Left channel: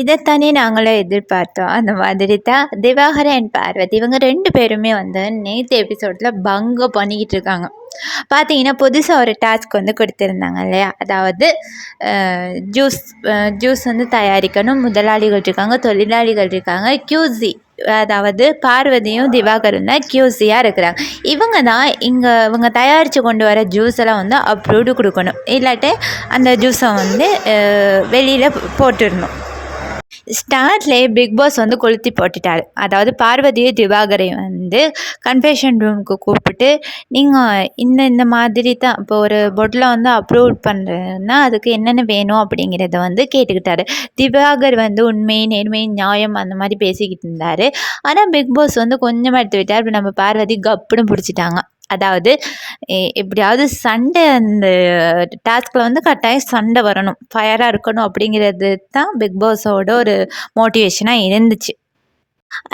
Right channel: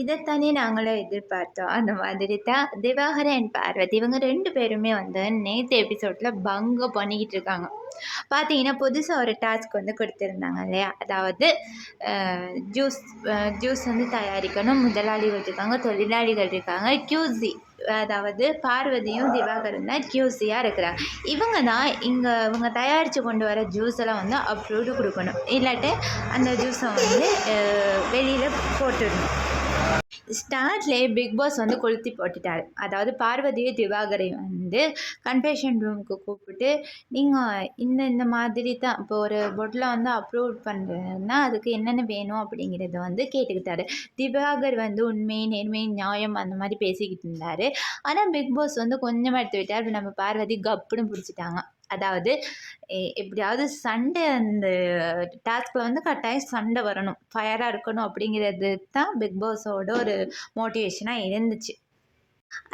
இதைத்தானே நாங்களும் எதிர்பார்த்தோம். அந்த மாதிரி தான் திவாகரன் அண்ட் பார்வதி இவங்க ரெண்டு பேருமே வந்து நேற்று எபிசோடில் பங்க பண்ணிக்கிட்டு இருக்காங்க. பார்த்தீங்கன்னா புதுசாக ஒரு டாஸ்க் வந்து கொடுத்துருந்தாங்க இல்லையா? அதாவது ஜூஸ் ஜூஸ் வந்து தயாரிக்கணும். முதலாளிகள் இருக்காங்க தொழிலாளிகள் இருக்காங்க. கியூசி அதாவது பார்வதியும் திவாகரும் தான் கியூசியாக இருக்கிறாங்க. இவங்க தான் இங்கே இவங்க தயாரித்து கொண்டு வர ஜூஸ் எல்லாம் வந்து அப்ரூவ்டு கொடுக்கணும். இல்லாட்டி அந்த ஜூஸை வந்து வெளியில் போட்டுடணும். ஸ்டார்ட்லேயே பிக் பாஸ் வந்து கொளுத்தி போட்டுட்டார். அதாவது பார்வதியை திவாகரை வந்து கன்ஃபெஷன் ரூமுக்கு கூப்பிட்டு நீங்கள் இந்த இந்த மாதிரி தான் இப்போ ஒரு பொட்டில் வந்து அப்ரூவ் பண்ணுறதுன்னா அதுக்கு என்னென்ன வேணும்? அப்படிங்கிறத வந்து கேட்டுக்கிட்டாரு. திவாகர் வந்து உண்மை நேர்மை நியாயம் அந்த மாதிரி பேசிக்கிட்டு இருந்தார். ஆனால் பிக் பாஸ் வந்து கொஞ்சமாக எடுத்து விட்டார் நம்ம பார்வதி கப்புன்னு பிடிச்சிட்டாங்க. அதாவது எப்படியாவது சண்டை அந்த டாஸ்கில் வந்து கட்டாயம் சண்டை வரணும். ஃபயராக இருக்கணும் அப்படிங்கிறது தான் பிக் பாஸோட ஒரு மோட்டிவேஷனாக இருந்துச்சு.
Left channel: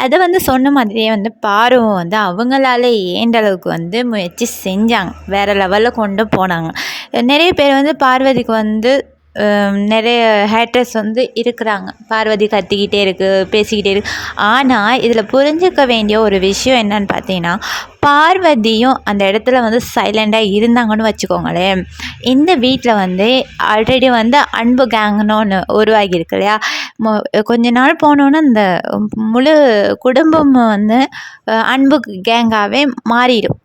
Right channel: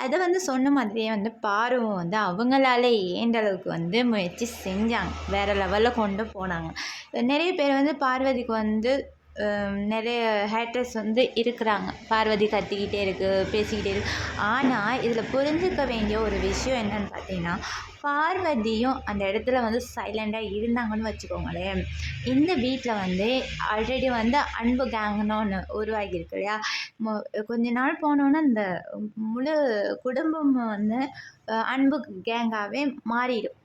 அதை வந்து சொன்ன மாதிரியே வந்து பார்வம். வந்து அவங்களால ஏண்ட அளவுக்கு வந்து முயற்சி செஞ்சாங்க. வேறு லெவலில் கொண்டு போனாங்க. நிறைய பேர் வந்து பார்வதிக்கு வந்து நிறைய ஹேட்டர்ஸ் வந்து இருக்கிறாங்க. பார்வதி கத்திக்கிட்டே இருக்குது பேசிக்கிட்டே இருக்கு. ஆனால் இதில் புரிஞ்சிக்க வேண்டிய ஒரு விஷயம் என்னன்னு பார்த்தீங்கன்னா பார்வதியும் அந்த இடத்துல வந்து சைலண்டாக இருந்தாங்கன்னு வச்சுக்கோங்களேன். இந்த வீட்டில் வந்து ஆல்ரெடி வந்து அன்பு கேங்னு ஒன்று உருவாகியிருக்கு இல்லையா? கொஞ்ச நாள் போனோன்னே இந்த முழு குடும்பம் வந்து அன்பு கேங்காகவே மாறிடும்.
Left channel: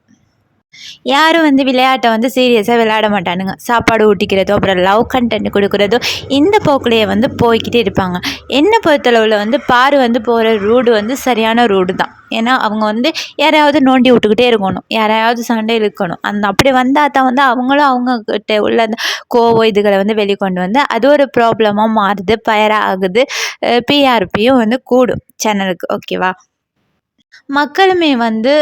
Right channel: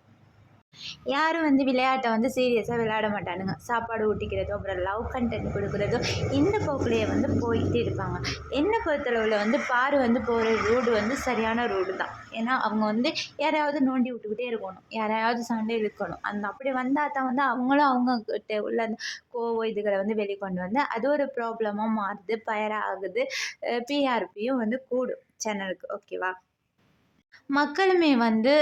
யாரும் வந்து விளையாட்டை வந்து சீரியஸாக விளையாட மாட்டானுங்க. சாப்பாடு ஊட்டிக்கிறதோ அப்புறம் லவ் கண்டென்ட் கொடுக்குறதோ இந்த போக்குலேயே வந்து போய்கிட்டே இருப்பாங்க. என்னை பொறுத்தளவில் வந்து பாரு வந்து போகிற ரூடு வந்து சரியான ரூடு தான். ஏன்னா அவங்க வந்து யாரையாவது நோண்டி விட்டுக்கிட்டே இருக்கணும். யாரையாவது சண்டை இழுக்கணும். அந்த அப்படி வந்தால் தான் வந்து அவங்களும் அவங்கக்கிட்ட உள்ள அந்த கோவம் இதுகளை வந்து வெளிக்கொண்டு வந்து அது ஒரு ப்ராப்ளமாக மாறுது பயராகுது பிஆர்பியும் வந்து கூடும். சேனலுக்கு ஓகேவா மக்களுமே வந்து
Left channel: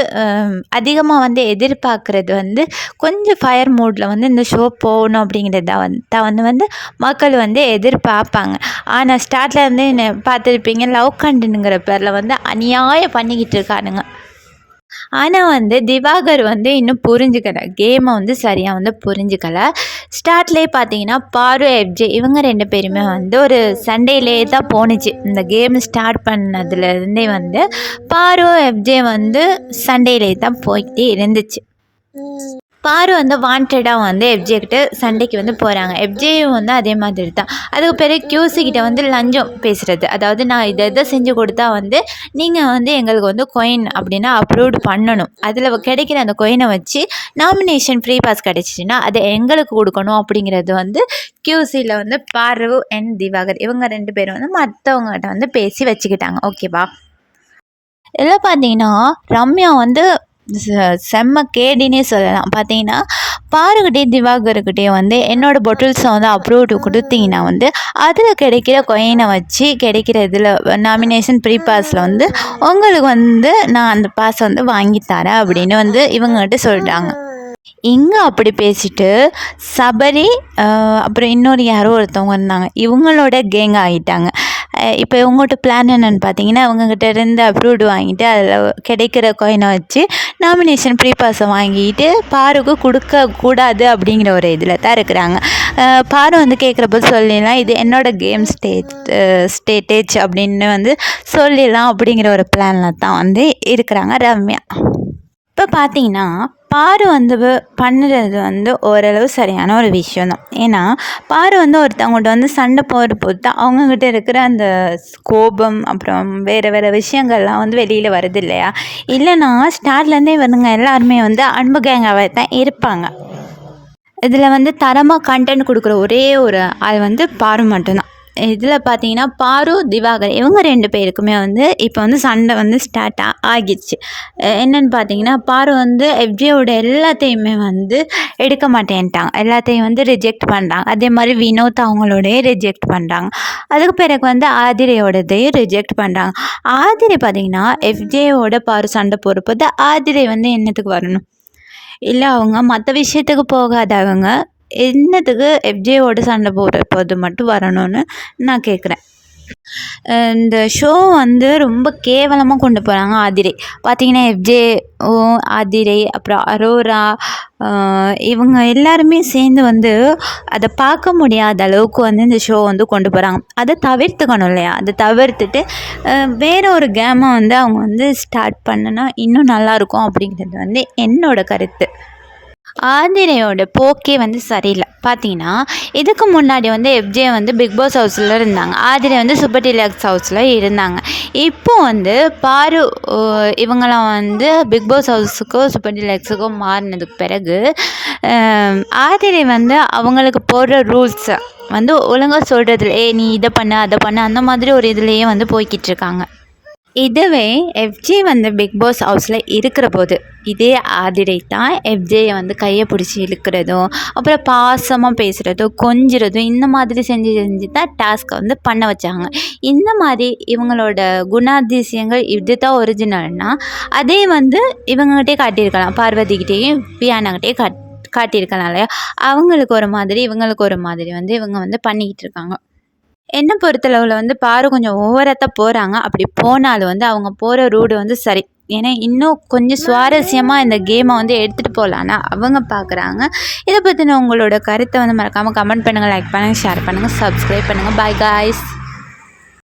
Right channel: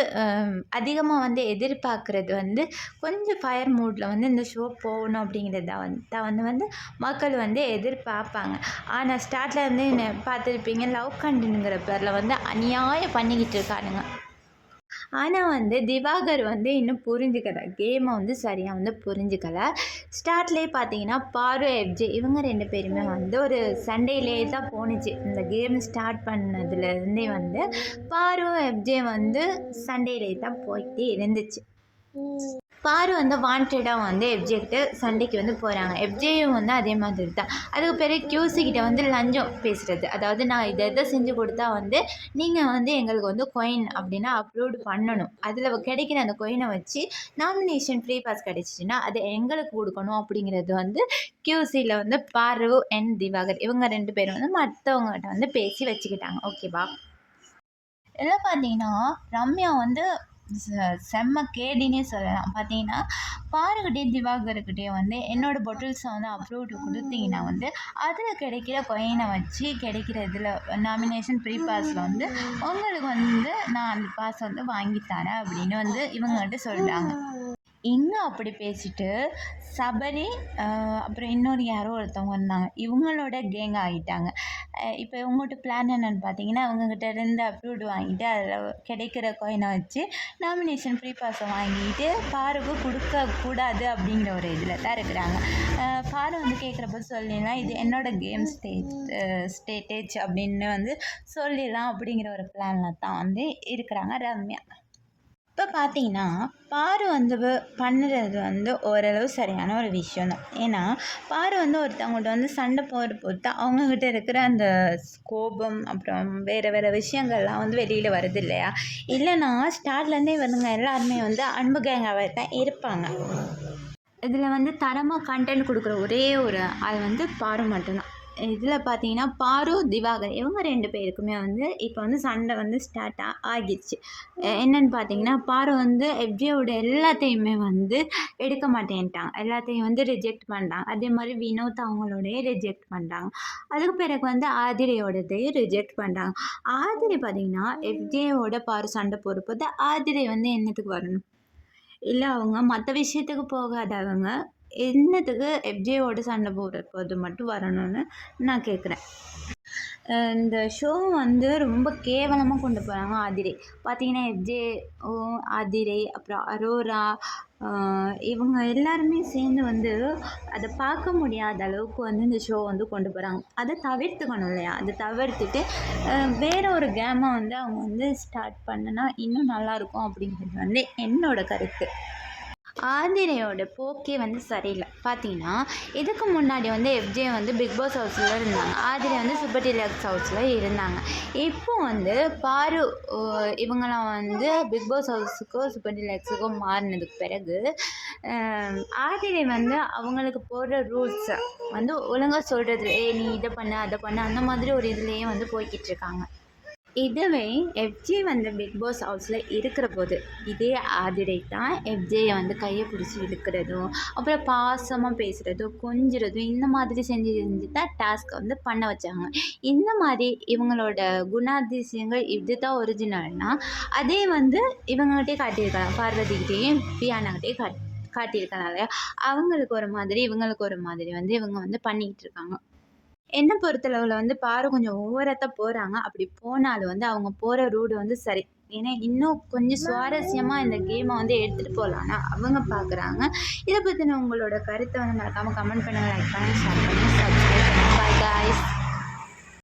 அதிகமாக வந்து எதிர்பார்க்குறது வந்து கொஞ்சம் ஃபயர் மூடில் வந்து இந்த ஷோ போகணும் அப்படிங்கிறது தான் வந்து தான் வந்து மக்கள் வந்து எதிர்பார்ப்பாங்க. ஆனால் ஸ்டார்ட்டில் வந்து என்ன பார்த்துருப்பீங்க லவ் கண்டுங்கிற பேரில் வந்து அநியாயம் பண்ணிக்கிட்டு இருக்கானுங்க. ஆனால் வந்து திவாகர் வந்து இன்னும் புரிஞ்சுக்கல கேமை வந்து சரியாக வந்து புரிஞ்சுக்கலை. ஸ்டார்ட்லேயே பார்த்தீங்கன்னா பாரு எஃப்ஜே இவங்க ரெண்டு பேருமே வந்து ஒரு சண்டேலே தான் போணுச்சு. இந்த கேம் ஸ்டார்ட் பண்ணதுலேருந்தே வந்து பாரு எஃப்ஜே வந்து சண்டையிலே தான் போய்கிட்டே இருந்துச்சு. பாரு வந்து வாண்டடாக வந்து எஃப்ஜே கிட்ட சண்டைக்கு வந்து போகிறாங்க எஃப்ஜேயும் வந்து அதே மாதிரி தான். அதுக்கு பிறகு கியூசிக்கிட்ட வந்து லஞ்சம் பேசுகிறது அதாவது நான் இதை இதை செஞ்சு கொடுத்தா வந்து நீங்கள் வந்து எங்களுக்கு வந்து கொயின் அப்படின்னா அப்ரூவ்டு பண்ணணும். அதில் கிடைக்கிற அந்த கொயினை வச்சு நாமினேஷன் ஃப்ரீ பாஸ் கிடச்சிச்சின்னா அதை எங்களுக்கு கொடுக்கணும் அப்படிங்கிறது வந்து கியூசியில் வந்து பார்வ் அண்ட் திவாகர். இவங்க ரெண்டு பேரும் வந்து மற்றவங்ககிட்ட வந்து பேசி வச்சுக்கிட்டாங்க. ஓகேவா இதில் பார்த்தீங்கன்னா ரம்யா வந்து செம்ம கேடினே சொல்லலாம். பார்த்தீங்கன்னா பாருக்கிட்டே திவாகர்கிட்டே வந்து என்னோடய பொட்டில்ஸை வந்து அப்ரூவ்டு கொடுத்தீங்கன்னா வந்து அதில் கிடைக்கிற கொயினை வச்சு கிடைக்கிற இதில் நாமினேஷன் ப்ரீ பாஸில் வந்து உங்களுக்கு வந்து நான் அந்த பாஸை வந்து வாங்கித்தரேன் அப்படின்னு வந்து இவங்ககிட்ட சொல்கிறாங்க இங்கே அப்படி பேசிட்டு சபரி அப்புறம் இன்னொரு யாரோ ஒருத்தவங்க இருந்தாங்க. இவங்களோட கேங் ஆகிட்டாங்க இப்போ உங்கள்கிட்ட பிளான் என்னென்னு பார்த்தீங்கன்னா அவங்கக்கிட்ட இருந்து அப்ரூவ்டு வாங்கிட்டு அதில் கிடைக்கிற கோயினை வச்சு நாமினேஷன் ப்ரீ பாஸை வாங்கிட்டு பாருக்கு கொடுக்கக்கூடாது அப்படிங்கிற ஒரு இதில் தான் இருக்கிறாங்க. பாரு வந்து கேட்குறப்ப சொல்லிடலாம் இது என்னோடய கேம் ஸ்டேட் ஸ்டேட்டேஜ் அப்படின்னு வந்து சொல்லிடலாம் அப்படிங்கிற ஒரு பிளானில் தான் வந்து இருக்கிறாங்க ரம்யா. இப்போ பார்த்தீங்கன்னா பாரு வந்து பண்ணுறது வந்து ஓரளவு சரியான ஒரு விஷயம் தான் ஏன்னா பாரு வந்து ஒருத்தவங்கள்ட்ட வந்து சண்டை போகிற பொறுத்து அவங்கக்கிட்ட இருக்கிற அந்த கோபம் அப்புறம் வேறு வேறு விஷயங்கள்லாம் வந்து வெளியில் வருது இல்லையா இல்லைன்னா ஸ்டார்ட்லேருந்தே வருங்க எல்லாருமே வந்து அன்பு கேங்காகவே தான் இருப்பாங்க. இதில் வந்து தரமாக கண்டென்ட் கொடுக்குற ஒரே ஒரு அது வந்து பாரு மட்டும்தான் இதில் பார்த்தீங்கன்னா பாரு திவாகர் இவங்க ரெண்டு பேருக்குமே வந்து இப்போ வந்து சண்டை வந்து ஸ்டார்ட் ஆகிடுச்சு. என்னென்னு பார்த்தீங்கன்னா பாரு வந்து எஃப்ஜியோட எல்லாத்தையுமே வந்து எடுக்க மாட்டேன்ட்டாங்க. எல்லாத்தையும் வந்து ரிஜெக்ட் பண்ணுறாங்க அதே மாதிரி வினோத் அவங்களோடய ரிஜெக்ட் பண்ணுறாங்க அதுக்கு பிறகு வந்து ஆதிரையோடதையும் ரிஜெக்ட் பண்ணுறாங்க ஆதிரை பார்த்தீங்கன்னா எஃப்ஜேயோட பாரு சண்டை போகிறப்போ ஆதிரை வந்து என்னத்துக்கு வரணும்? இல்லை அவங்க மற்ற விஷயத்துக்கு போகாதவங்க என்னத்துக்கு எஃப்ஜேவோட சண்டை போடுறப்போ அது மட்டும் வரணும்னு நான் கேட்குறேன் இந்த ஷோ வந்து ரொம்ப கேவலமாக கொண்டு போகிறாங்க ஆதிரை. பார்த்தீங்கன்னா எஃப்ஜே ஓ ஆதிரை அப்புறம் அரோரா இவங்க எல்லாருமே சேர்ந்து வந்து அதை பார்க்க முடியாத அளவுக்கு வந்து இந்த ஷோ வந்து கொண்டு போகிறாங்க அதை தவிர்த்துக்கணும் இல்லையா? அதை தவிர்த்துட்டு வேறு ஒரு கேமை வந்து அவங்க வந்து ஸ்டார்ட் பண்ணுனா இன்னும் நல்லாயிருக்கும் அப்படிங்கிறது வந்து என்னோடய கருத்து. ஆதிரையோட போக்கே வந்து சரியில்லை. பார்த்தீங்கன்னா இதுக்கு முன்னாடி வந்து எஃப்ஜே வந்து பிக் பாஸ் ஹவுஸில் இருந்தாங்க. ஆதிரை வந்து சூப்பர் டிலாக்ஸ் ஹவுஸில் இருந்தாங்க. இப்போ வந்து பாரு இவங்களாம் இவங்கெல்லாம் வந்து பிக் பாஸ் ஹவுஸுக்கோ சூப்பர் டீலக்ஸுக்கோ மாறினதுக்கு பிறகு ஆதிரை வந்து அவங்களுக்கு போடுற ரூல்ஸை வந்து ஒழுங்காக சொல்கிறதுல ஏ நீ இதை பண்ண அதை பண்ண அந்த மாதிரி ஒரு இதுலேயே வந்து போய்கிட்டு இருக்காங்க. இதுவே எஃப்ஜே வந்து பிக் பாஸ் ஹவுஸில் இருக்கிற போது இதே ஆதிரை தான் எஃப்ஜேயை வந்து கையை பிடிச்சி இழுக்கிறதும் அப்புறம் பாசமாக பேசுகிறதும் கொஞ்சிறதும் இந்த மாதிரி செஞ்சு செஞ்சு தான் டாஸ்க்கை வந்து பண்ண வச்சாங்க. இந்த மாதிரி இவங்களோட குணாதிசயங்கள் இது தான் ஒரிஜினல்னால் அதே வந்து இவங்ககிட்டே காட்டியிருக்கலாம். பார்வதிக்கிட்டேயும் பியானாகிட்டே காட் காட்டியிருக்கலாம் இல்லையா? அவங்களுக்கு ஒரு மாதிரி இவங்களுக்கு ஒரு மாதிரி வந்து இவங்க வந்து பண்ணிக்கிட்டு இருக்காங்க. என்னை பொறுத்தளவில் வந்து பாரு கொஞ்சம் ஓவராக போகிறாங்க அப்படி போனாலும் வந்து அவங்க போகிற ரூடு வந்து சரி. ஏன்னா இன்னும் கொஞ்சம் சுவாரஸ்யமாக இந்த கேமை வந்து எடுத்துகிட்டு போகலான்னா அவங்க பார்க்குறாங்க இதை பற்றின உங்களோட கருத்தை வந்து மறக்காமல் கமெண்ட் பண்ணுங்கள் லைக் பண்ணுங்கள் ஷேர் பண்ணுங்கள் சப்ஸ்கிரைப் பண்ணுங்கள் பாய் காய்ஸ்